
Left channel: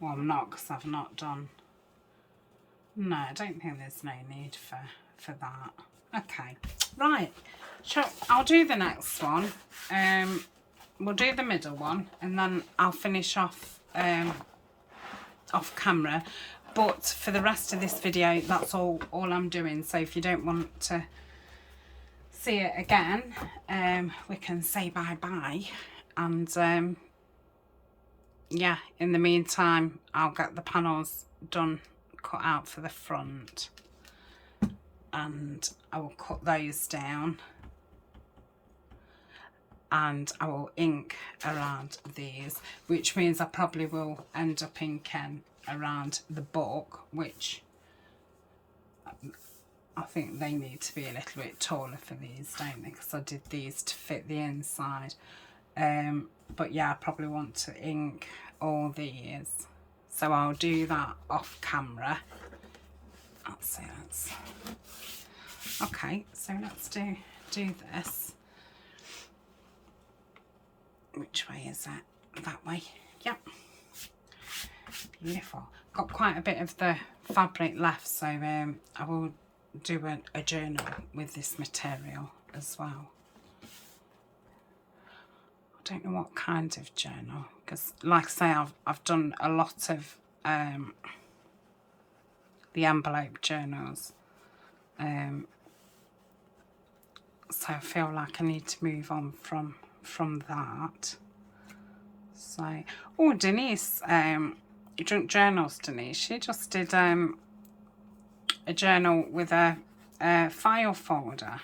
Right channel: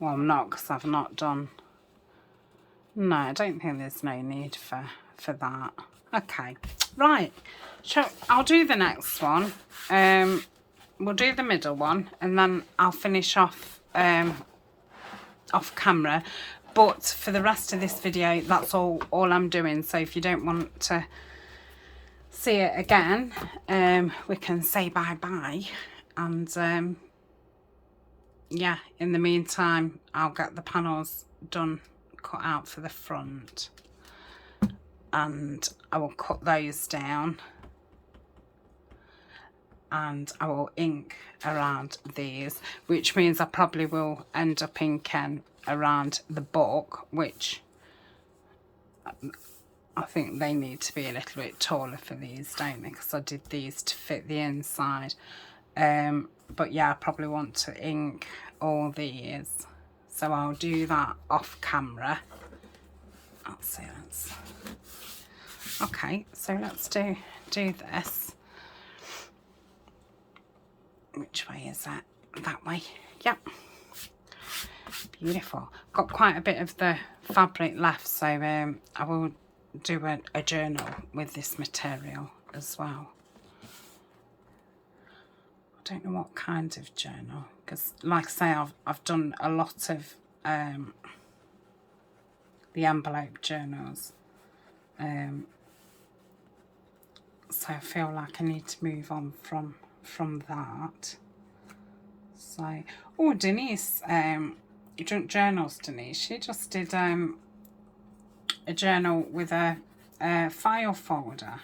Well, I'm not, because I've not done. No, I don't think there's no need for that. Okay, right. I'll do the next one. We'll do the middle one, and then I'll finish off off camera. But for the rest of this video, that's all I'm doing. So if you don't want to see it again, we can say bye-bye. And yeah, in the meantime, I'll get the panels done, cut out for the front. And I will cut those down. And I will ink around these, which means I probably will end up inking around the book, which I think they need to be a little bit taller for these, don't they? Because I did these to fit the inside. But yeah, I probably want to ink all these, so I'll do that off camera. Let's see, okay, so let's do this. Which way is that? That way. Yep. Beautiful. Got quite a bit of the fabric left, so I will do a journal with this material as well. I don't know what kind of journal, because like I say, I've done a lot of the envelope journals, so I feel like I need to move on from that. So, oh, Denise, Junk Journals, Denise, she just did a journal with a file folder.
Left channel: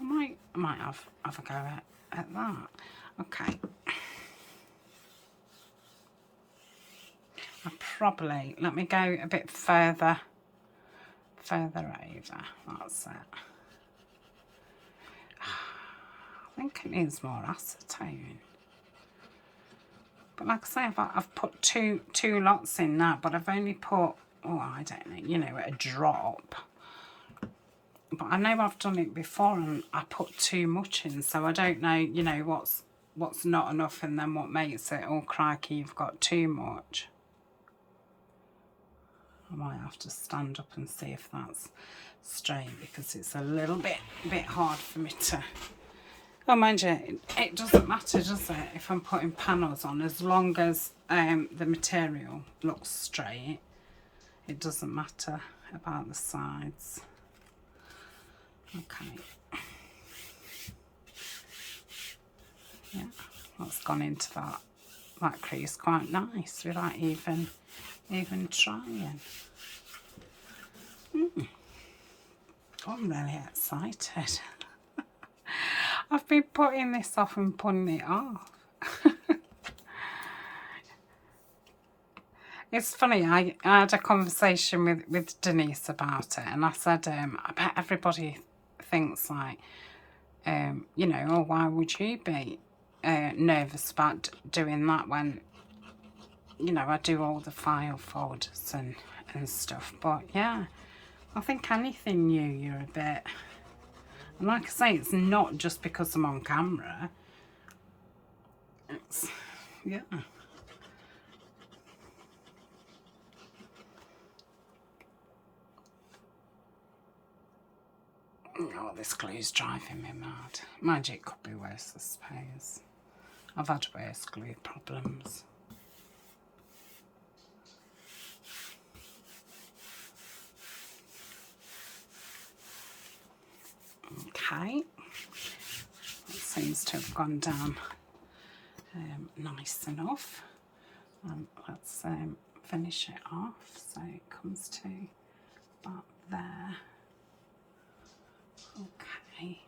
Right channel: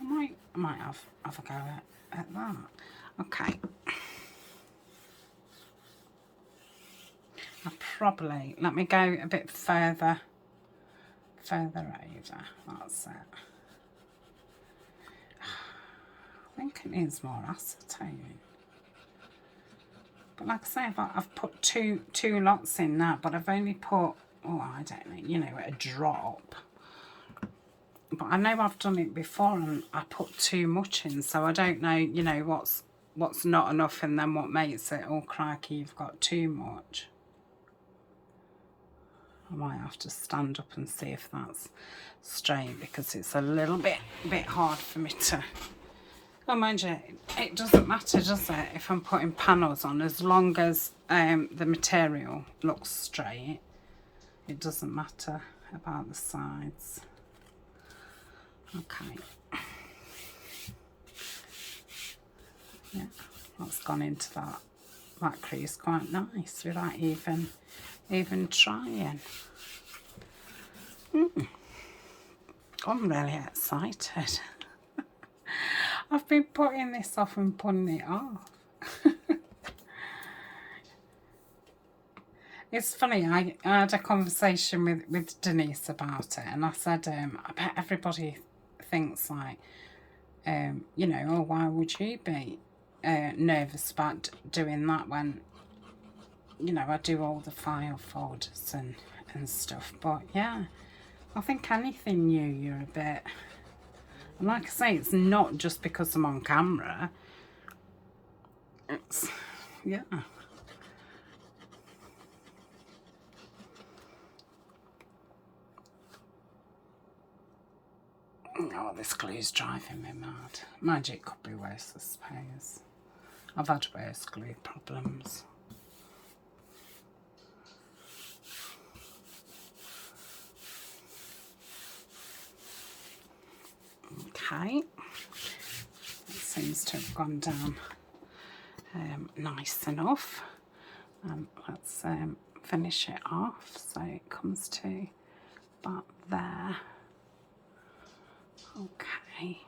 I might have a go at that. Okay. I probably, let me go a bit further over. That's it. I think it needs more acetone. But like I say, I've put two lots in now, but I've only put, oh, I don't know, you know, a drop. But I know I've done it before and I put too much in, so I don't know, you know, what's not enough and then what makes it, oh crikey, you've got too much. I might have to stand up and see if that's straight, because it's a little bit hard for me to. Well, mind you, it doesn't matter, does it, if I'm putting panels on, as long as the material looks straight. It doesn't matter about the sides. Okay. Yeah, that's gone into that. That crease quite nice without even trying. I'm really excited. I've been putting this off and putting it off. It's funny, I had a conversation with Denise about it, and I said, I bet everybody thinks like, you know, oh, why would you be nervous about doing that when, you know, I do all the file folders and stuff. But yeah, I think anything new, you're a bit, and like I say, it's not just because I'm on camera. It's, yeah. Oh, this glue's driving me mad. Mind you, it could be worse, I suppose. I've had worse glue problems. Okay. That seems to have gone down nice enough. Let's finish it off so it comes to about there. Okay.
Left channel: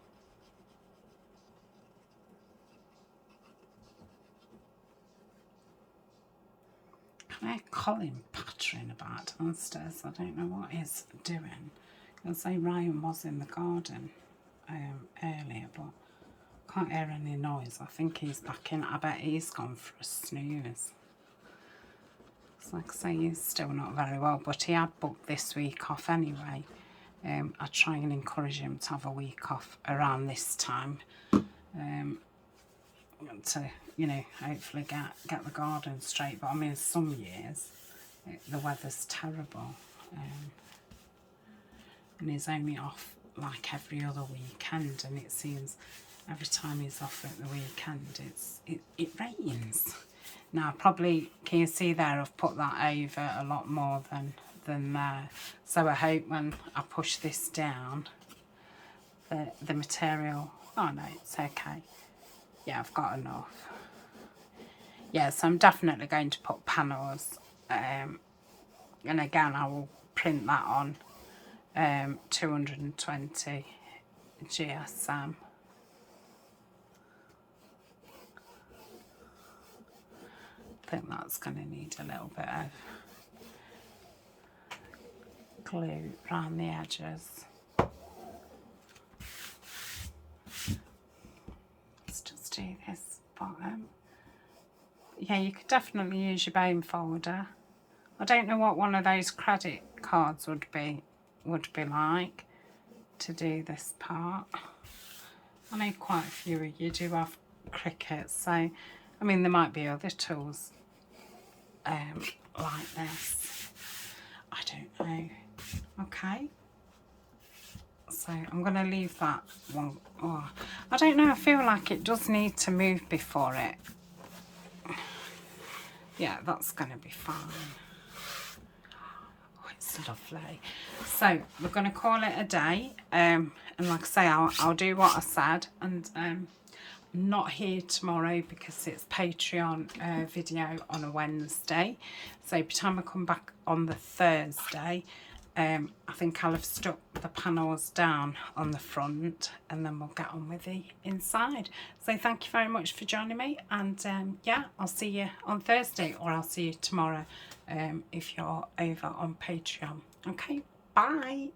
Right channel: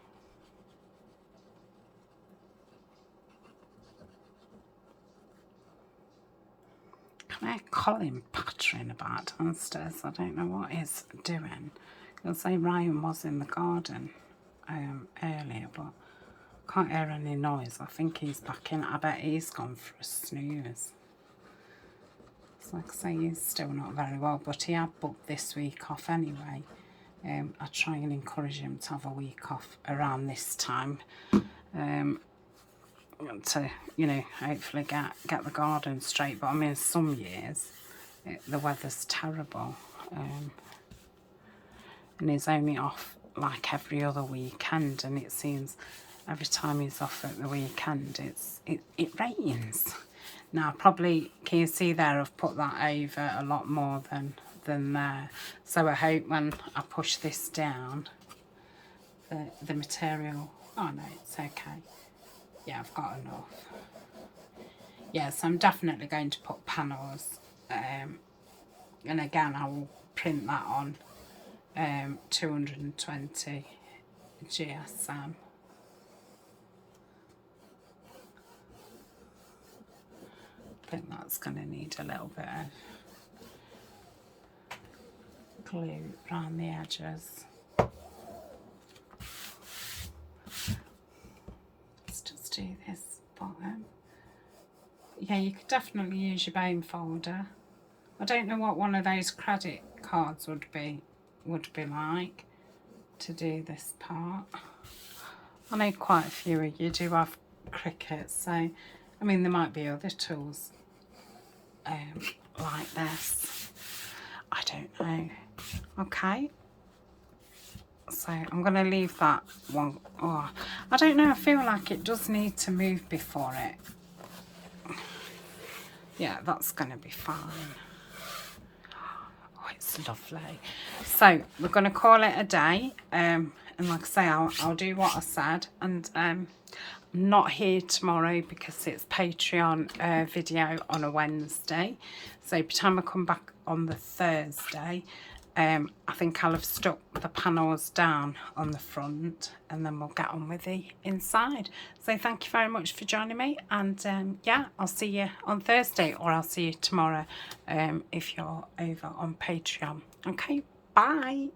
Can I hear Colin pattering about downstairs? I don't know what he's doing. He'll say Ryan was in the garden earlier, but I can't hear any noise. I think he's back in. I bet he's gone for a snooze. It's like I say, he's still not very well, but he had booked this week off anyway. I try and encourage him to have a week off around this time, to, you know, hopefully get the garden straight. But I mean, some years the weather's terrible, and he's only off like every other weekend, and it seems every time he's off at the weekend it rains. Now probably, can you see there, I've put that over a lot more than there, so I hope when I push this down the material, oh no, it's okay, yeah, I've got enough. Yeah, so I'm definitely going to put panels, and again I will print that on 220 GSM. I think that's going to need a little bit of glue around the edges. Let's just do this bottom. Yeah, you could definitely use your bone folder. I don't know what one of those credit cards would be like to do this part. I know quite a few of you do have Cricut, so I mean there might be other tools like this. I don't know. Okay, so I'm going to leave that one. Oh, I don't know, I feel like it does need to move before it. Yeah, that's going to be fine. Oh, it's lovely. So we're going to call it a day, and like I say, I'll do what I said, and I'm not here tomorrow because it's Patreon video on a Wednesday, so by the time I come back on the Thursday, I think I'll have stuck the panels down on the front, and then we'll get on with the inside. So thank you very much for joining me, and yeah, I'll see you on Thursday, or I'll see you tomorrow if you're over on Patreon. Okay, bye.